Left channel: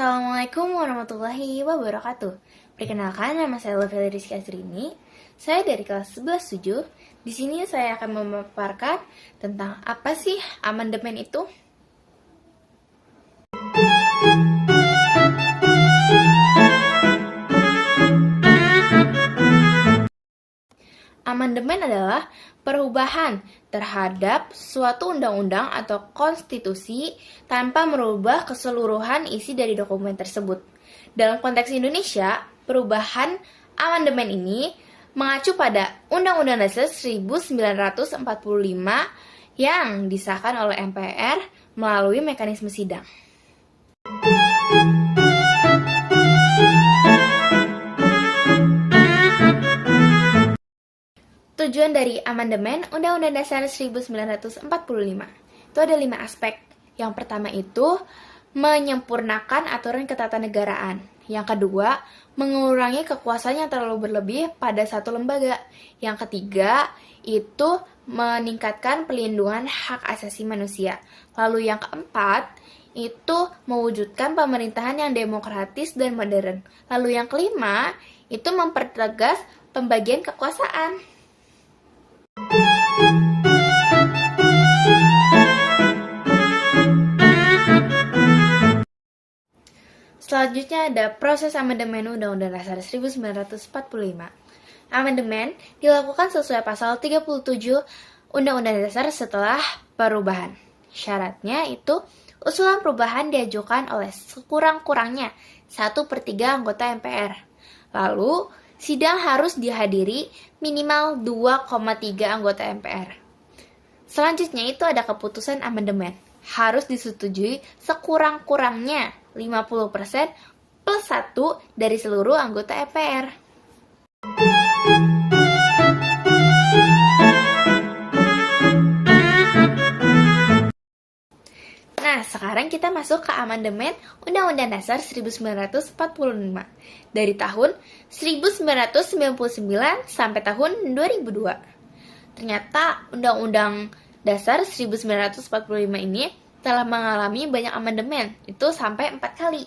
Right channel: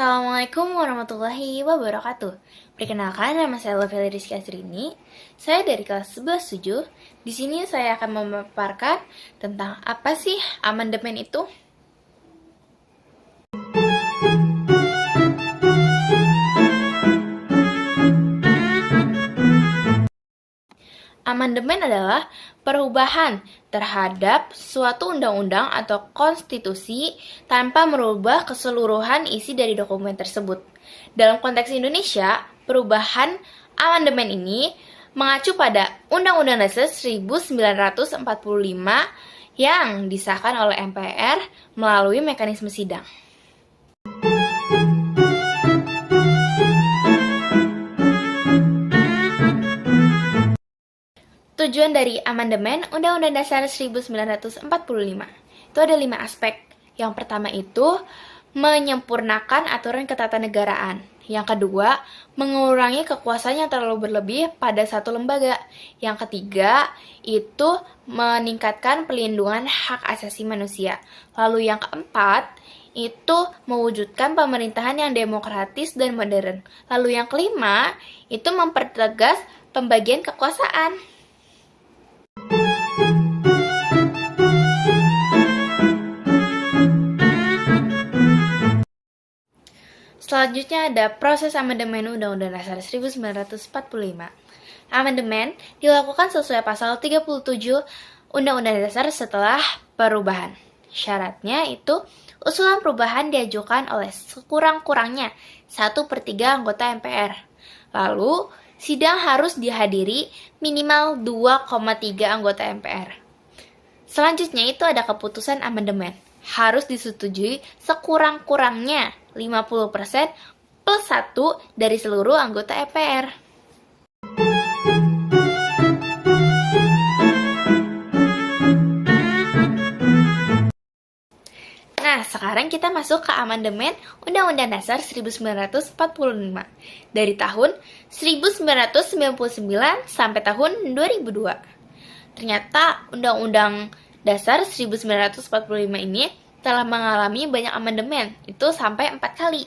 Assalamualaikum warahmatullahi wabarakatuh. Perkenalkan, nama saya Lovely Rizky Asrini. Saya dari kelas 11-7. Di sini saya akan memaparkan tentang apa sih amandemen itu. Amandemen adalah perubahan terhadap suatu undang-undang atau konstitusi tanpa merubah keseluruhan isi dari dokumen tersebut. Dalam konteks Indonesia, perubahan amandemen ini mengacu pada Undang-Undang Dasar 1945 yang disahkan oleh MPR melalui mekanisme sidang. Tujuan dari amandemen Undang-Undang Dasar 1945 itu ada 5 aspek. Yang pertama itu menyempurnakan aturan ketatanegaraan. Yang kedua, mengurangi kekuasaan yang terlalu berlebih pada satu lembaga. Yang ketiga, itu meningkatkan pelindungan hak asasi manusia. Lalu yang keempat, itu mewujudkan pemerintahan yang demokratis dan modern. Lalu yang kelima, itu mempertegas pembagian kekuasaan. Selanjutnya ada proses amandemen Undang-Undang Dasar 1945. Amandemen dilakukan sesuai pasal 37 Undang-Undang Dasar setelah perubahan. Syaratnya itu usulan perubahan diajukan oleh sekurang-kurangnya 1/3 anggota MPR. Lalu, sidang harus dihadiri minimal 2,3 anggota MPR. Selanjutnya itu ada keputusan amandemen. Harus disetujui sekurang-kurangnya 50% plus 1 dari seluruh anggota MPR. Nah, sekarang kita masuk ke amandemen Undang-Undang Dasar 1945 dari tahun 1999 sampai tahun 2002. Ternyata Undang-Undang Dasar 1945 ini telah mengalami banyak amandemen, itu sampai 4 kali.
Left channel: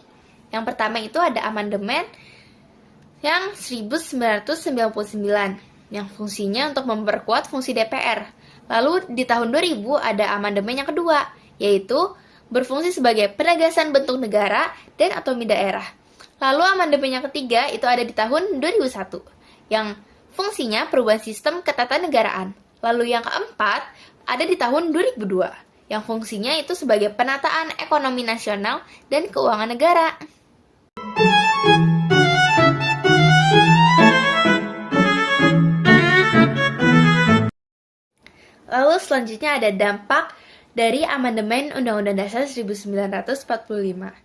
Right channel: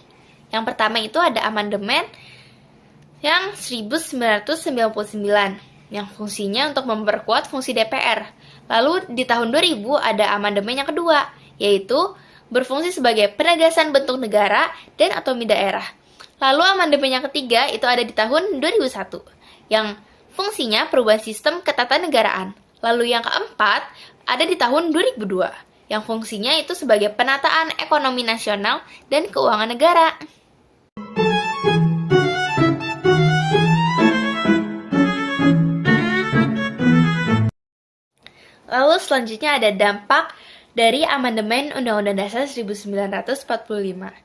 Yang pertama itu ada amandemen yang 1999, yang fungsinya untuk memperkuat fungsi DPR. Lalu di tahun 2000 ada amandemen yang kedua, yaitu berfungsi sebagai penegasan bentuk negara dan otonomi daerah. Lalu amandemen yang ketiga itu ada di tahun 2001, yang fungsinya perubahan sistem ketatanegaraan. Lalu yang keempat ada di tahun 2002, yang fungsinya itu sebagai penataan ekonomi nasional dan keuangan negara. Lalu selanjutnya ada dampak dari amandemen Undang-Undang Dasar 1945.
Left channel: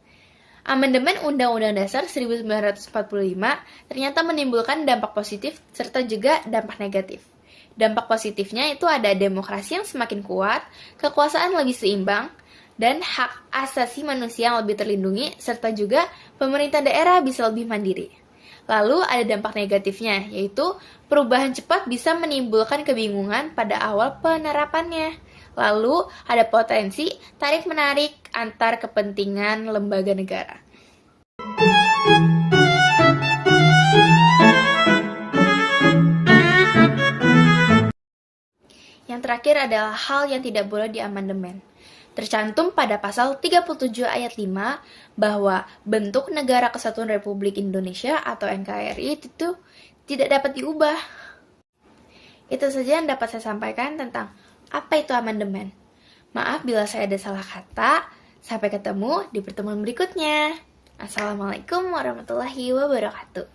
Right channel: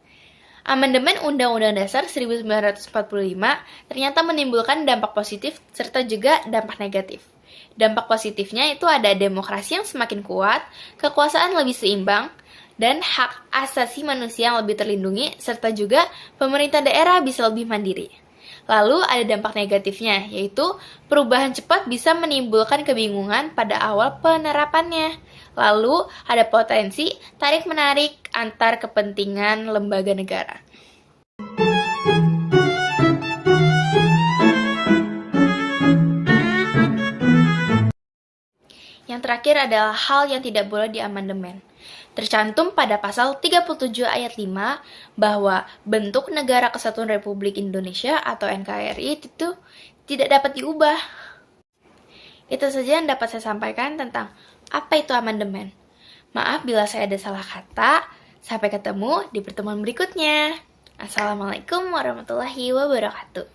Amandemen Undang-Undang Dasar 1945 ternyata menimbulkan dampak positif serta juga dampak negatif. Dampak positifnya itu ada demokrasi yang semakin kuat, kekuasaan lebih seimbang, dan hak asasi manusia yang lebih terlindungi, serta juga pemerintah daerah bisa lebih mandiri. Lalu ada dampak negatifnya, yaitu perubahan cepat bisa menimbulkan kebingungan pada awal penerapannya. Lalu ada potensi tarik-menarik antar kepentingan lembaga negara. Yang terakhir adalah hal yang tidak boleh diamandemen. Tercantum pada pasal 37 ayat 5 bahwa bentuk Negara Kesatuan Republik Indonesia atau NKRI itu tidak dapat diubah. Itu saja yang dapat saya sampaikan tentang apa itu amandemen. Maaf bila saya ada salah kata. Sampai ketemu di pertemuan berikutnya. Assalamualaikum warahmatullahi wabarakatuh.